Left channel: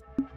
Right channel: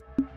you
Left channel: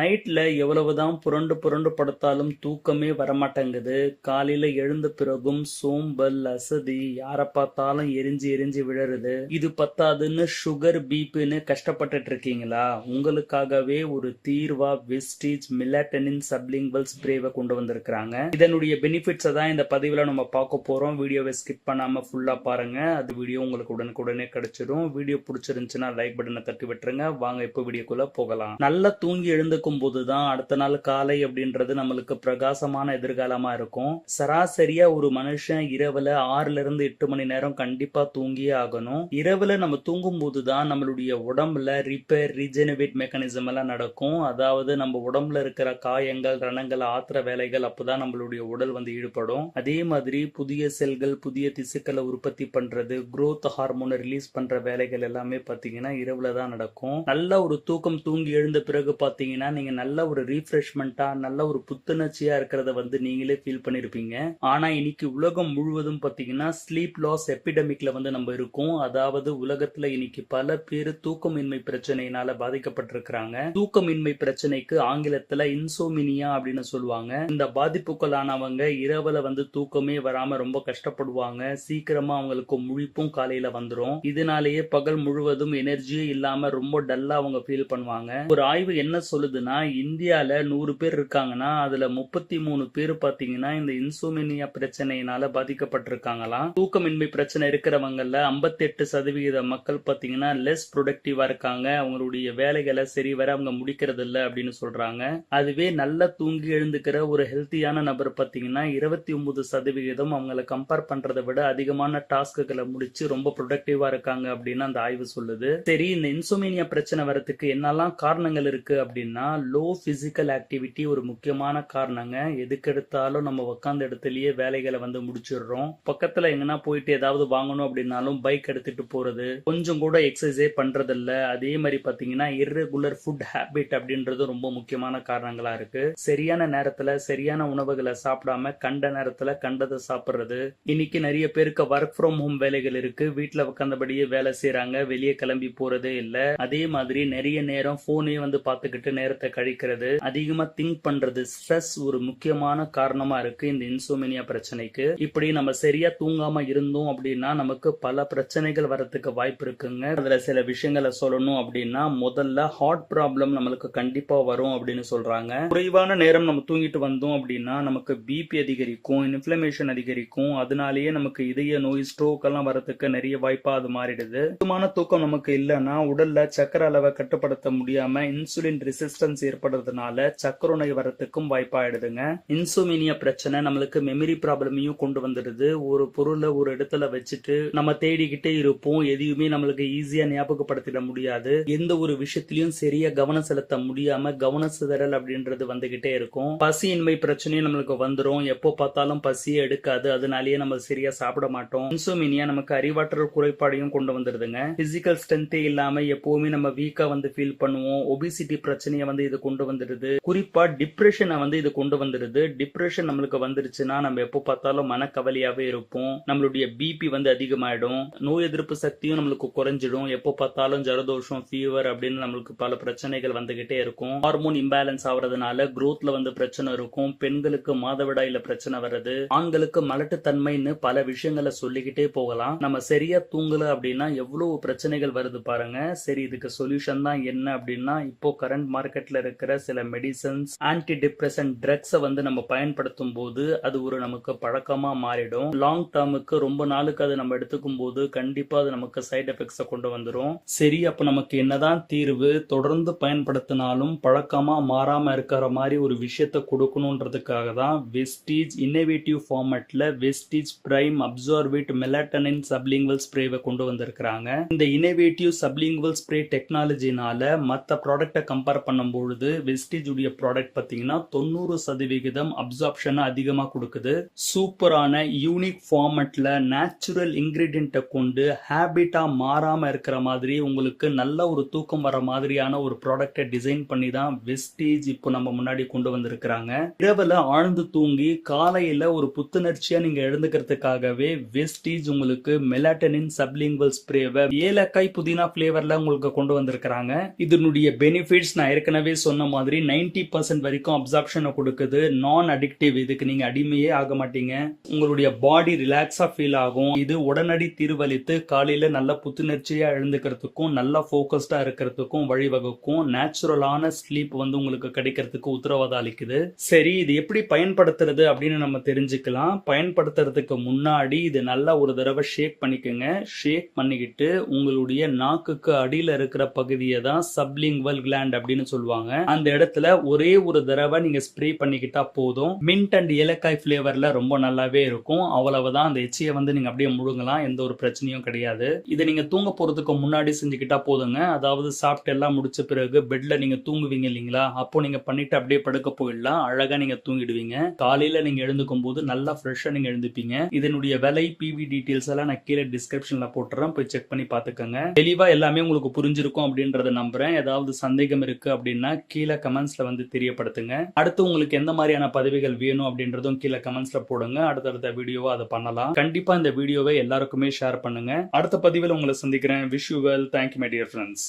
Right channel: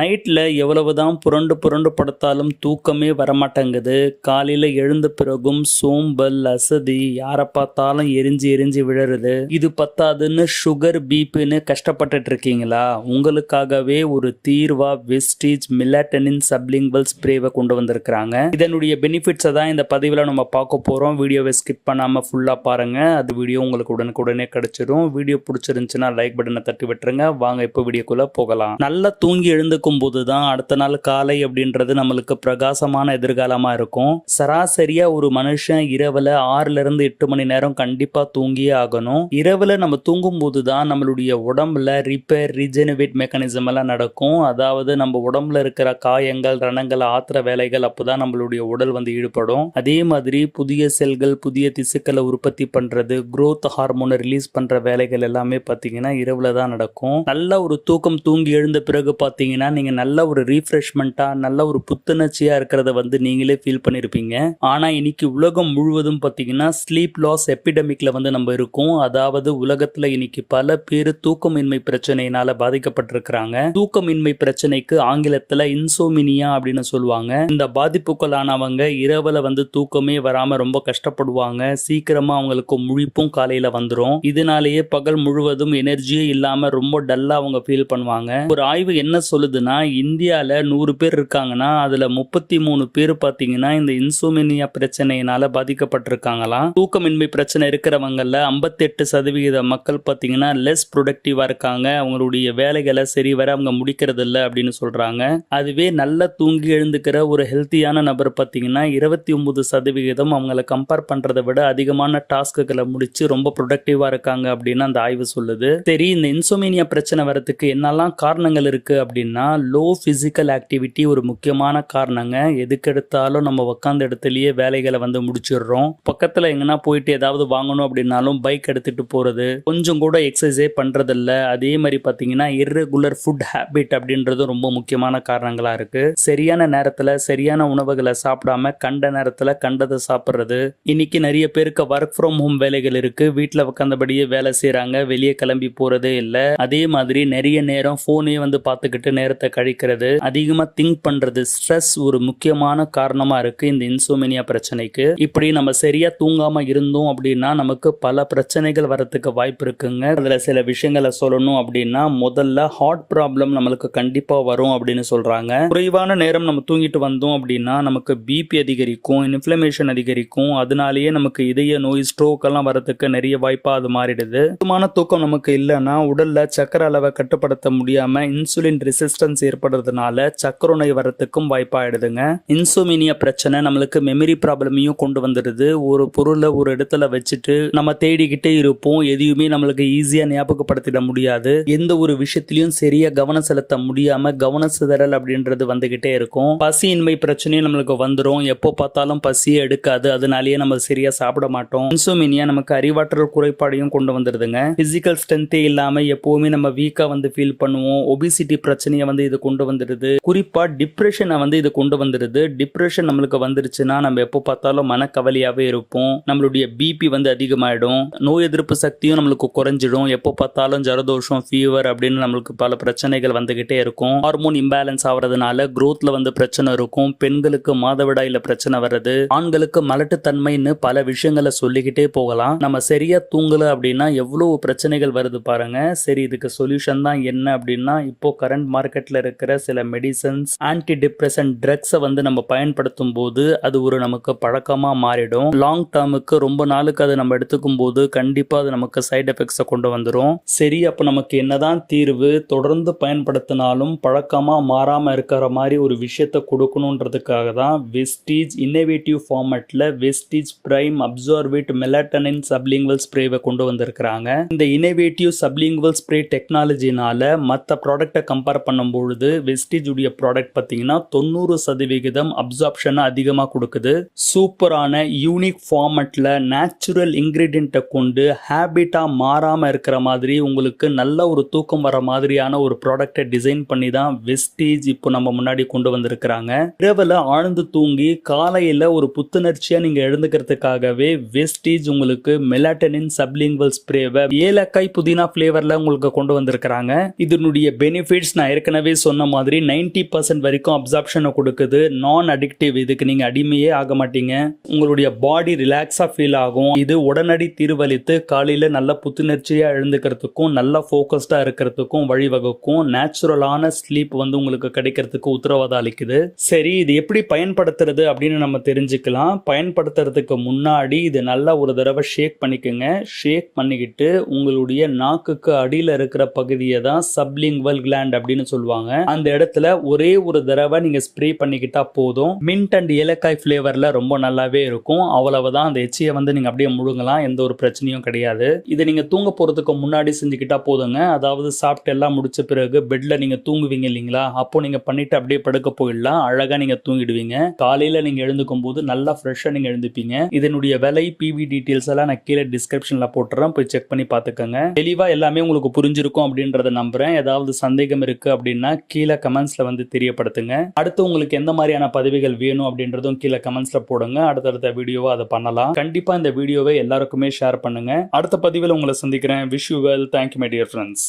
நைட்டில் எவ்வளவு தான் புரண்டு புரண்டு படுத்தாலும் தூக்கமே வரமாட்டேங்குது. காலையில் எழுந்த பிறகும் சோம்பல் அசதி யாரை பார்த்தாலும் எரிஞ்சு எரிஞ்சு விழருது இது பத்தாதுன்னு சுகர் பிபின்னு கஷ்டப்பட்டுட்டு இருக்கீங்களா உங்களுக்காகவே ஒரு தீர்வா வெஸ்டீஜ் மிலாட்டனின் சப்லிங்குவல் ஸ்ப்ரேவை கொண்டு வந்திருக்கிறாங்க. இதனுடைய பெனிஃபிட்ஸை தான் இந்த பதிவில் நம்ம பார்க்க போகிறோம் வீடியோவை ஸ்கிப் பண்ணாமல் ஃபுல்லாக பாருங்கள் அது வீடியோ உங்களுக்கு உடனுக்குடனே கிடச்சிரும். வீடியோ பிடிச்சிருந்துச்சுன்னா லைக் பட்டனை தட்டி விட்டுருங்க. வாங்க இப்போ வீடியோக்குள்ளே போகலாம். நல்லா தூங்கி எழுந்துக்கும் பார்க்கும்போது தான் அடுத்த நாள் காலை அப்படின்றது நம்மளுக்கு பிரகாசமான எதிர்காலமாக இருக்கும். சராசரியா ஒரு மனுஷன் இரவுல ஆறுல இருந்து எட்டு மணி நேரம் கண்டிப்பாக தூங்கியே ஆகணும். இரவுல நம்ம தூங்கும்போது தான் நம்மளுடைய உடம்புல ரிப்பேர் ரீஜெனவேட் மெக்கானிசம் எல்லாம் நடக்கும். அதாவது நம்ம உடம்புல இருக்கிற காயங்கள் ரணங்கள் ஆத்திர வேலைகள் அப்போதான் நம்மளுடைய உடல் வந்து ஈடுபடும். அதே மாதிரி புதிய செல்கள் புதிய திசுக்களை உற்பத்தி பண்றது குரோத் ஹார்மோனை ரிலீஸ் பண்ற வேலைகள் எல்லாமே பார்த்தீங்கன்னா இரவுல தான் நடக்கும். நல்ல ஒரு தூக்கம் தூங்கி எழுந்த பிறகு பார்த்தீங்கன்னா நீங்கள் நல்ல ஒரு ரீஃப்ரெஷ்மெண்ட்டாக நல்ல ஒரு புத்துணர்ச்சியா இருக்கிறத வந்து நீங்களே ஃபீல் பண்ணியிருப்பீங்க ஆனா இன்னைக்கு உலகம் முழுவதும் பார்த்தீங்கன்னா ஸ்லீப் லாஸ் எபிடமிக்ல வந்து நம்ம இருக்கோம். அதாவது உலகத்துல இன்னைக்கு பல பேர் தூக்கமின்மை பிரச்சனையினால பாதிக்கப்பட்டிருக்கிறாங்க. தூக்கமின்மை பிரச்சனைக்கு ஆங்கிலத்துல இன்சோமினியா அப்படின்னு சொல்லுவாங்க. இந்த பாதிப்புகளானவங்க இரவில் வந்து தூக்கமே வராம ரொம்ப கஷ்டப்படுவாங்க. சீக்கிரமா அவங்களுக்கு முழிப்பும் காலையில் வந்துடும் இதனாலேயே பகல் முழுவதும் எனர்ஜியே இல்லாமல் ரொம்ப டல்லா அவங்க ஃபீல் பண்ணுவாங்க. ஒரு ஆய்வு என்ன சொல்லுது போகுதுன்னா இந்தியாவில் நூறு பேர் இருக்காங்கன்னா அதில் முப்பத்தி மூணு பேர் பார்த்தீங்கன்னா இந்த இன்சோமினியா பிரச்சனையினால பாதிக்கப்பட்டிருக்காங்களாம் தூக்கமின்மை பிரச்சனை இருக்கிறவங்களில் ஐம்பத்தெட்டு சதவிகித மக்கள் பார்த்தீங்கன்னா லெஸ் ப்ரொடக்டிவாக இருக்காங்க. அவங்களுடைய வேலைகளை சரி வர அவங்க முடிக்கிறது இல்லை அப்படின்னு சொல்கிறாங்க அதுவே நல்லா தூங்கி எழுந்துக்கிற ஒரு ஹெல்த்தியான நபர் பார்த்தீங்கன்னா இருபத்தி ஒம்பது சதவிகிதம் அவங்கள கம்பேர் பண்ணுறதை விட அதிகமான டாஸ்க்குகளை முடித்து ரொம்ப ப்ரொடக்டிவாக இருக்காங்க அப்படின்னு அந்த ஆய்வு சொல்லுது. சரி இந்த இன்சோமேனியா பிரச்சனை வரத்துக்கு என்னெல்லாம் காரணங்கள் இருக்குது அப்படின்னா லோ ஃபிசிக்கல் ஆக்டிவிட்டி ஒரு முக்கியமான காரணங்க. எதுக்கெடுத்தாலும் நம்ம உட்காந்த இடத்துலயே வேலைகளை வந்து முடிச்சிடுறோம். பக்கத்தில் எங்கன்னா போயிட்டு ஏதாவது வாங்கணும் அப்படின்னாலும் பைக் எடுத்துட்டு போறது. கொஞ்சம் கூட எக்ஸசைஸே பண்றதில்ல. அதே மாதிரி பார்த்தீங்கன்னா இர்ரெகுலர் ஃபுட் ஹேபிட் அப்படின்றது ரொம்ப முக்கியமான காரணங்களா இருக்கு. சரியான நேரத்தில் சரியான உணவுகளை சாப்பிடாம கண்ட நேரத்தில் கண்டதை சாப்பிட்றது. இன்னைக்கு நிறைய பேருக்கு ஒர்க் ஃப்ரம் ஹோம் வேலைகள் இருக்கு. வீட்டில் உட்காந்தபடியே வேலை செய்கிறாங்க வெளியே கிளம்பி போறதே இல்லை. அதே மாதிரி நிறைய நேரம் ஃபோனே வந்து பார்த்துக்கிட்டு நேரத்தை கழிக்கிறது அதிகமா திங்க் பண்றது ஸ்ட்ரெஸ் ஒரு முக்கியமான காரணமா இருக்கு இந்த இன்சோமினியா பிரச்சனைக்கு. இப்படி நம்ம சரியா தூங்காம இருந்தோம் அப்படின்னா நமக்கு பல பிரச்சனைகள் வரத்துக்கு வாய்ப்பு இருக்குங்க. அதுல சில விஷயங்களை சொல்லணும் அப்படின்னா முதல்ல ஹார்ட் ப்ராப்ளம் நம்மளுக்கு கண்டிப்பா வரும் அப்படின்னு சொல்றாங்க. குறைவான நேரம் நம்ம தூங்கிட்டு வந்தோம் அப்படின்னா நமக்கு பிபி அதிகரிக்கும் இன்ஃப்ளமேஷன் அதிகரிக்கும். அதனாலேயே நமக்கு இதய நோய் ஸ்ட்ரோக் எல்லாம் வரத்துக்கு நிறைய வாய்ப்பா அது மாறிடுது. சுத்தமான தூக்கம் நமக்கு இல்லைன்னா உடல்ல சக்கர அளவை கட்டுப்படுத்த முடியாம இன்சுலின் ரெசிஸ்டன்ஸ் ஏற்படுறதுனால சக்கர நோய் வரத்துக்கும் வாய்ப்பாயிடுதுங்க. இன்சுமினியா பிரச்சனை நம்மளுக்கு மெமரி ப்ராப்ளமையும் கொண்டு வந்துடுது. ஒரு பொருளை ஒரு இடத்துல வச்சுட்டு நம்ம தேடிக்கிட்டே இருப்போம். எதையுமே நம்மளுக்கு ஈஸியா ஞாபகப்படுத்திட முடியாது. எந்த ஒரு விஷயத்திலையும் சரியா கவனம் செலுத்த முடியாம கவன சிதறல் அப்படின்றது வந்துகிட்டே இருக்கும். பசியின்மை பிரச்சனையும் நம்மளுக்கு வந்துடும் எப்போ பார்த்தாலும் பசியே எடுக்காது. அதனாலேயே நம்ம சரியா சாப்பிட மாட்டோம். இன்சுமினியா நமக்கு அறிவாற்றல் குறைபாடையும் கொண்டு வந்துடுதுங்க. பிசிக்கல் ஸ்ட்ரென்த்தே இல்லாம எப்பவுமே நம்ம வீக்கா வந்து ஃபீல் பண்ணுவோம். ஒபிசிட்டி பிரச்சனையை வந்து இது கொண்டு வந்துடுது. குறிப்பா டிப்ரெஷனை வந்து இது கொண்டு வந்துடுது. டிப்ரெஷன் நம்மளுக்கு வந்துருச்சுன்னா நம்ம எப்போ பார்த்தாலும் மனக்கவலையாவே இருப்போம். நம்மளுடைய பிபி வந்து அதிகமாயிடும். நோய் எதிர்ப்பு சக்தியும் நம்மளுக்கு குறைஞ்சிடும். எப்போ பார்த்தாலும் ஜலதோஷம் ஃபீவர் அப்படின்னு நம்மளுக்கு பல பிரச்சனைகள் வந்துகிட்டே இருக்கும். ஹார்மோன் இம்பேலன்ஸ் ஆகிறதுனால குரோத்ல வந்து பிரச்சனை இருக்கும். பெண்களுக்கு மாதவிடாயில பிரச்சனை வர்றது. ஆண்களுக்கு மலட்டுத்தன்மைன்னு பல விஷயங்களை சொல்லிக்கிட்டே போகலாம். நம்ம சரியா தூங்கல அப்படின்னா எவ்வளவு பிரச்சனைகள் வருது பாருங்க. சரி இதுக்கு சொல்யூஷன் தான் என்ன அப்படின்னா இப்போ கரண்ட் மார்க்கெட் மார்க்கெட்டில் இருக்கிற சில மெடிசன்ஸ் ஆன்டி டிப்ரெஷன் ட்ரக்ஸை வந்து நம்ம பயன்படுத்தும் போது அது ஒரு நமக்கு பழக்கமாக மாறிடும். லாங் டேர்முக்கு ரொம்ப நாளுக்கு அதை நம்ம எடுத்துக்கும் போது கண்டிப்பாக அது நமக்கு சைட் எஃபெக்ட்ஸை கொண்டு வந்துடும் சரி அப்போ நமக்கு என்னதான் தீர்வு? தொடர்ந்து பயன்படுத்தினாலும் பழக்கமாக மாறாமல் இருக்கிற மாதிரி ஒரு விஷயத்த கொடுக்கணுன்றதுக்காக தான் வெஸ்டீஜ் இன்னோவேட்டிவ் ஃபார்மேட்டில் Vestige prime absorbent melatonin sublingual ஸ்ப்ரேவை கொண்டு வந்திருக்கிறாங்க. இந்த இன்னோவேட்டிவ் சப்லிங்குவல் ஸ்ப்ரே டெக்னாலஜினால மற்ற ப்ராடக்ட்டை கம்பேர் பண்ணும்போது வெஸ்டீஜ் உடைய ப்ராடக்ட் பார்த்தீங்கன்னா தொண்ணூறு சதவிகிதம் அப்சார்ப்ஷனை அதிகமாக கொடுக்குது. சூப்பரான யூனிக் ஃபார்மெட்டில் நேச்சுரல் இன்க்ரீடியண்ட்டை கொண்டு ஹேபிட்டாக மாறாமல் இருக்கிற மாதிரி உங்களுக்கு நல்ல ஒரு தூக்கம் வர மாதிரியான ஒரு ப்ராடக்ட்டை டிசைன் பண்ணி தான் வெஸ்டீஜ் இப்போ நம்ம முன்னாடி கொண்டு வந்திருக்கிறாங்க. இரவில் ஆழ்ந்து தூங்கி காலையில் ஒரு புத்துணர்ச்சியாக நீங்க எழுந்துக்கிறதுக்காகவே வெஸ்டீஜ் உங்களுக்கு மெலாட்டனின் சப்லிங்குவல் ஸ்ப்ரேவை ஏலக்காய் புதினா ஃப்ளேவரில் உங்களுக்கு கொண்டு வந்திருக்கிறாங்க. இதனுடைய பெனிஃபிட்ஸ் நான் ஏற்கனவே சொன்ன மாதிரி 90% பர்சன்ட் வரைக்கும் அப்சார்ப்ஷனை கொடுக்குது. நான் அடிக்டிவ் இதுக்கு நீங்கள் அடிமையே ஆக மாட்டீங்க. உங்களுடைய பாடி ரிலாக்ஸாக ஃபீல் ஆகும். இது உடனடி தீர்வளித்து காலையில் நல்ல புத்துணர்ச்சியாக எழுந்துக்கிறதுக்கும் நல்லா ஃபோக்கஸ்டாக இருக்கிறதுக்கும் வழிவகுக்கும். நேச்சுரலான ஸ்லீப் வந்து உங்களுக்கு கிடைக்கிறதுக்கு உத்தரவாதம் அளிக்குது. சரி இது எப்படி பயன்படுத்துறது அப்படின்னு நம்ம தெரிஞ்சுக்கலாம். பயன்படுத்துறதுக்கு முன்னாடி இது நல்லா ஒரு தடவை ஷேக் பண்ணிக்கோங்க. ஷேக் பண்ணிக்கிட்டு உங்களுடைய நாக்குக்கு அடியில் இருக்கிற பகுதியை தான் சப்லிங்வல் கிளாண்ட் அப்படின்னு சொல்லுவாங்க. அந்த இடத்துல ஒரே ஒரு தடவை நீங்க ஸ்ப்ரே பண்ணிக்கிட்டா போதும். மின்ட் அண்ட் ஏலக்காய் ஃபிளேவர்ல ரொம்ப நல்லாவே இருக்கும். அவ்வளவுதான். அந்த எச்சியை வந்து நீங்க அப்படியே முழுங்கலாம். எந்த ஒரு பிரச்சனையும் கிடையாது. இதை நீங்க தூங்க போறதுக்கு முன்னாடி செஞ்சுக்கிட்டா போதுங்க. அதாவது சாப்பிட்டு எல்லாம் முடிச்ச பிறகு பெட்ல நீங்க தூங்குவீங்க இல்லைங்களா? அப்போ நீங்க பண்ணிட்டு அப்படியே படுக்க போயிடலாம். அழகா நீங்க தூங்கிடுவீங்க. காலையில நீங்க எழுந்துக்கும் போது நல்லா ஃப்ரெஷ்ஷா நீங்க எழுந்துப்பீங்க. இதனுடைய விலை பிவி டீடைல்ஸ் எல்லாம் நான் கீழே டிஸ்கிரிப்ஷன்ல போட்டுறேன். போய் செக் பண்ணி பாத்துக்கோங்க தெளிவா எல்லாமே உங்களுக்கு புரிஞ்சிருக்கும் அப்படின்றத நம்புறேன். ஏதாவது சந்தேகம் இருக்கு அப்படின்னா கீழே கமெண்ட்ஸில் வந்து தெரியப்படுத்துங்க. அடுத்து உங்களுக்கு எந்த மாதிரியான பதவிகள் வேணும் அப்படின்றதும் கீழே கமெண்ட்ஸில் போடுங்க. அடுத்தடுத்த வீடியோவை அதை பண்ணலாம். கண்டிப்பாக இந்த வீடியோவை எல்லாருக்குமே ஷேர் பண்ணுங்க. அடுத்த பதிவில் உங்களை சந்திக்கிறேன். Wish you well thank you my dear friends